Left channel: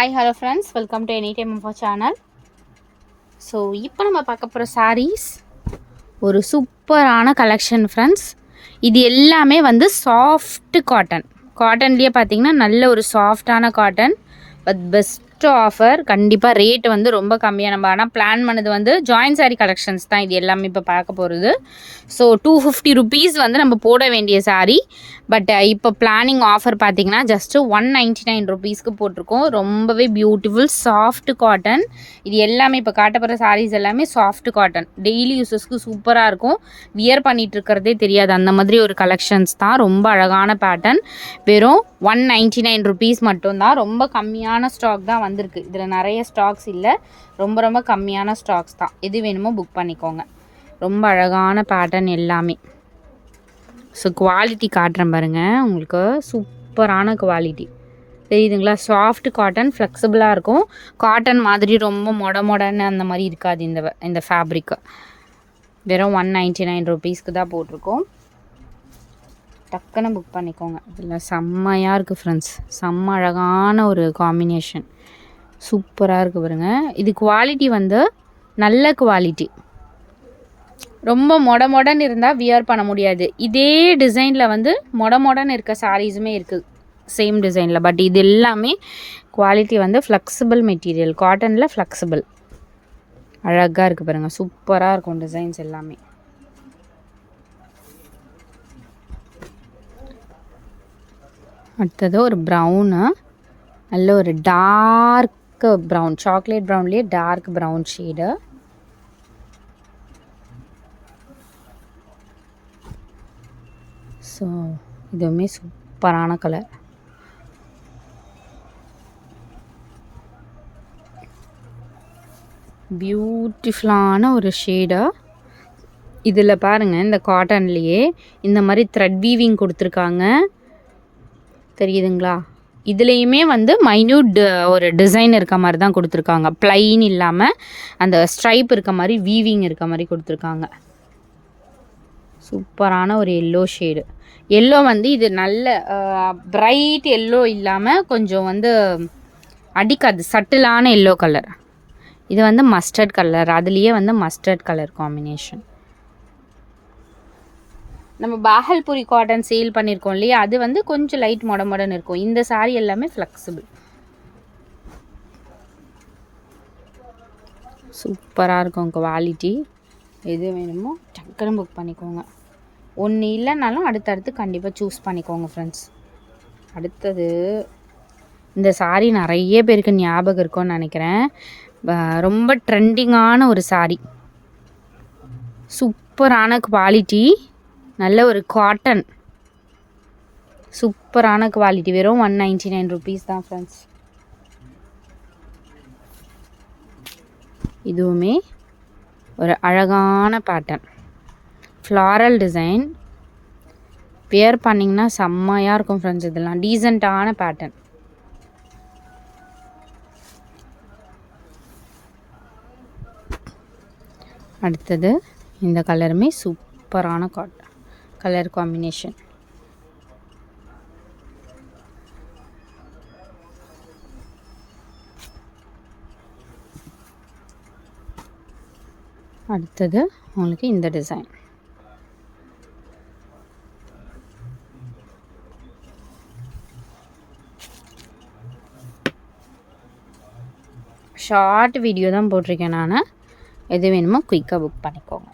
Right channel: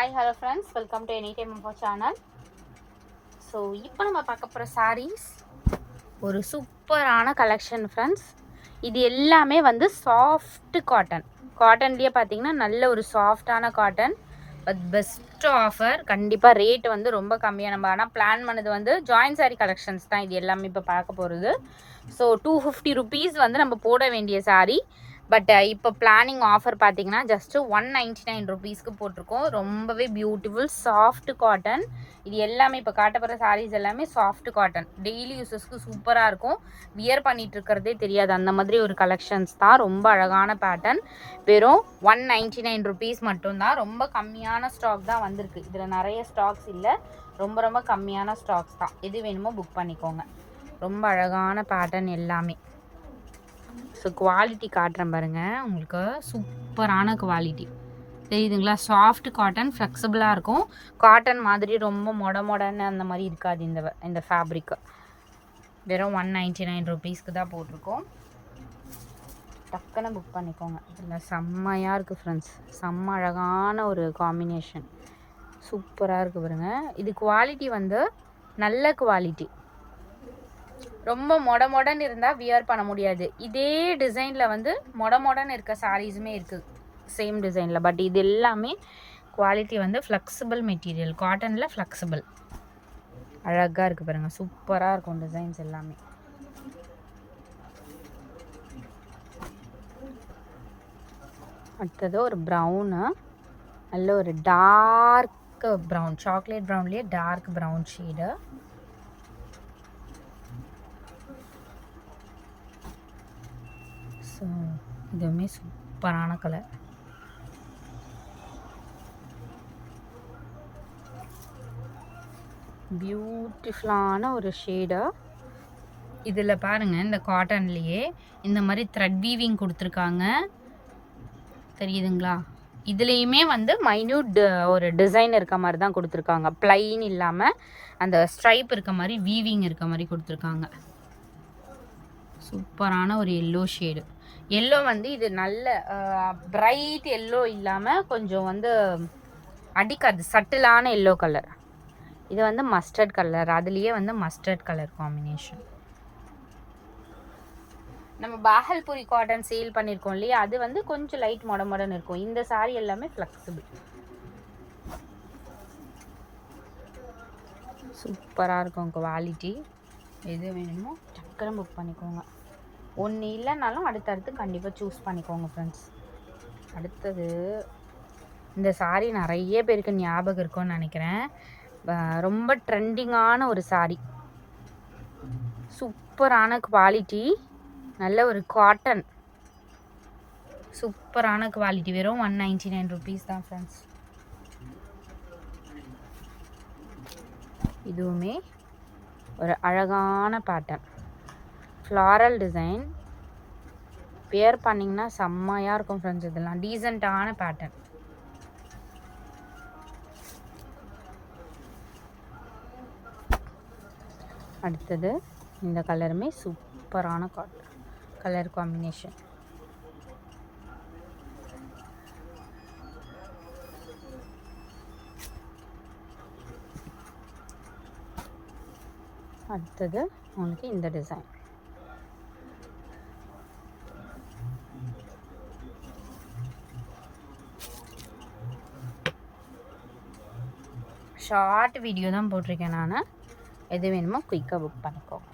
Hi hello friends, welcome to any time of channel. So இப்போ நம்ம பார்க்க போகிற சாரீஸ் ஒரு சூப்பரான கலெக்ஷன் ஃப்ரெண்ட்ஸ். இது எல்லாமே வந்து சாஃப்ட் காட்டன்லேயே பார்த்தீங்கன்னா நல்ல ஒரு சாஃப்டான காட்டன். But best offer. கண்டிப்பாக ரேட் வந்து ரொம்ப கம்மியாக. நம்ம ஆனால் பிளான் பண்ணது வந்து ஜாயின் சாரீ கலெக்ஷன்ஸ் தான் இது எல்லாமே இப்போ பார்க்க போகிறது. ஸோ 250 ருபீஸ் வந்து நம்ம போட வேண்டிய சாரீ. பட் இப்போ பிளானிங் ஆஃபர் பார்த்தீங்கன்னா ஜஸ்ட்டு 199 ருபீஸ்க்கு போட்டிருக்கோம். ரொம்பவே பியூட்டிஃபுல் சாஃப்ட் காட்டன். இது எல்லாமே இப்போ காட்டப்படுற சாரீஸ் எல்லாமே சாஃப்ட் காட்டன். டெய்லி யூஸஸ்க்கு சூப்பராக இருக்கும். வியர் பண்ணிட்டு இருக்கிறதே தெரியாது, அந்த மாதிரி ஒரு கலெக்ஷன்ஸ் தான். ரொம்ப அழகான பேட்டர்ன். வெறும் 199 ருபீஸ் மட்டும்தான். ரொம்ப கம்மியான ஸ்டாக் தான் வந்திருக்கு. இதில் நிறைய ஸ்டாக்ஸ் இல்லை, ரொம்ப ரொம்ப கம்மியான ஸ்டாக்ஸ் தான். எது வேணுமோ புக் பண்ணிக்கோங்க. ரொம்ப அழகான பேட்டர்ன் எல்லாமே. ஸோ குவாலிட்டி காட்டுறேன் பாருங்கள், உங்களுக்கு சூப்பரான குவாலிட்டி தெரியுதுங்களா? சாஃப்ட் காட்டன், ஃப்ளெக்சிபிளாக இருக்கும். காட்டன் மாதிரி ரொம்ப மொடன்னு அந்த மாதிரி இருக்காது இந்த ஃபேப்ரிக்கு. வெறும் 199 ருபீஸ்க்கு தான் போட்டிருக்கோம். டக்குன்னு புக் பண்ணிக்கோங்க. இதில் செம்மையாக இருக்குது ஃப்ரெண்ட்ஸ். செம்ம அழகான ஒரு காம்பினேஷன், சூப்பராக இருக்குது பாருங்க. இது குவாலிட்டி வந்து நல்ல குவாலிட்டி. ரொம்ப மொடன்னு இருந்தால் வியர் பண்ண முடியாது. இதே டிசைனில் வந்து மொடன்னு இருக்க சாரீஸுமே இருக்குது சேம் டிசைனில். பட் இது எல்லாமே குவாலிட்டி வந்து ஃப்ளெக்சிபிள் மெட்டீரியல், காட்டனில் ஃப்ளெக்சிபிள். அழகாக இருக்குது பாருங்கள், சூப்பராக இருக்கும் டிசைன்ஸ் எல்லாமே. அடுத்தது ஒரு ப்ரௌனு, நல்ல ஒரு டார்க் ப்ரௌன், சாக்லேட் ப்ரௌன்லேயே டார்க் ப்ரௌன் ஷேடு. ஸோ இதுவுமே சூப்பரான கலர். பியூட்டிஃபுல்லான ஒரு ஷேடு. இதில் பாருங்கள், இந்த காட்டன்லேயே இந்த மாதிரி த்ரெட் வீவிங் கொடுத்துருக்காங்க, தெரியுதுங்களா? இதுலேயுமே வந்து மைன்யூட் ஒரு டிசைன் இருக்க மாதிரி தான் கொடுத்துருக்காங்க. ப்ளைன் இல்லாமல் அந்த ஸ்ட்ரைப் இருக்க மாதிரி, வீவிங் இருக்க மாதிரி கொடுத்துருக்காங்க. சூப்பரான ஒரு எல்லோ ஷேடு. எல்லோ வந்து இது நல்ல பிரைட் எல்லோ இல்லாமல் கொஞ்சம் வந்து அடிக்காது, சட்டிலான எல்லோ கலர். இது வந்து மஸ்டர்ட் கலர், அதுலேயே வந்து மஸ்டர்ட் கலர் காம்பினேஷன். நம்ம பாகல்புரி காட்டன் சேல் பண்ணியிருக்கோம் இல்லையா, அது வந்து கொஞ்சம் லைட் மொடன்னு இருக்கும். இந்த சாரீ எல்லாமே ஃப்ளெக்சிபிள். சூப்பராக இருக்கும் குவாலிட்டி. எது வேணுமோ டக்குன்னு புக் பண்ணிக்கோங்க. ஒன்று இல்லைனாலும் அடுத்தடுத்து கண்டிப்பாக சூஸ் பண்ணிக்கோங்க ஃப்ரெண்ட்ஸ். அடுத்தது இந்த சாரீ நிறைய பேருக்கு ஞாபகம் இருக்கும்னு நினைக்கிறேன். ரொம்ப ட்ரெண்டிங்கான ஒரு சாரீ, சூப்பரான குவாலிட்டி, நல்ல ஒரு காட்டன், சூப்பரான குவாலிட்டி. வெறும் 199 ருபீஸ் தான் ஃப்ரெண்ட்ஸ். இதுவுமே ஒரு அழகான பேட்டர்ன், ஃப்ளாரல் டிசைன். வியர் பண்ணிங்கன்னா செம்மையாக இருக்கும் ஃப்ரெண்ட்ஸ். இதெல்லாம் டீசெண்டான பேட்டர்ன். அடுத்தது இந்த கலருமே சூப்பரான கலர் காம்பினேஷன். அடுத்தது உங்களுக்கு இந்த டிசைன். ஷார்ட் வீடியோ தான் போட்டிருக்கேன் நான். எது வேணுமோ குயிக்காக புக் பண்ணிக்கோங்க.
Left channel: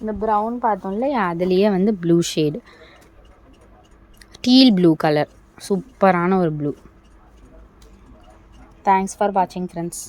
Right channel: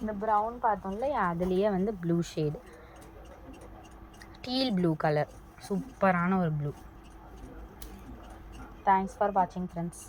இந்த ப்ரௌன் பார்த்தோம் இல்லையா, அதுலேயே வந்து blue shade, deal blue colour, சூப்பரான ஒரு ப்ளூ. தேங்க்ஸ் ஃபார் வாட்சிங் ஃப்ரெண்ட்ஸ்.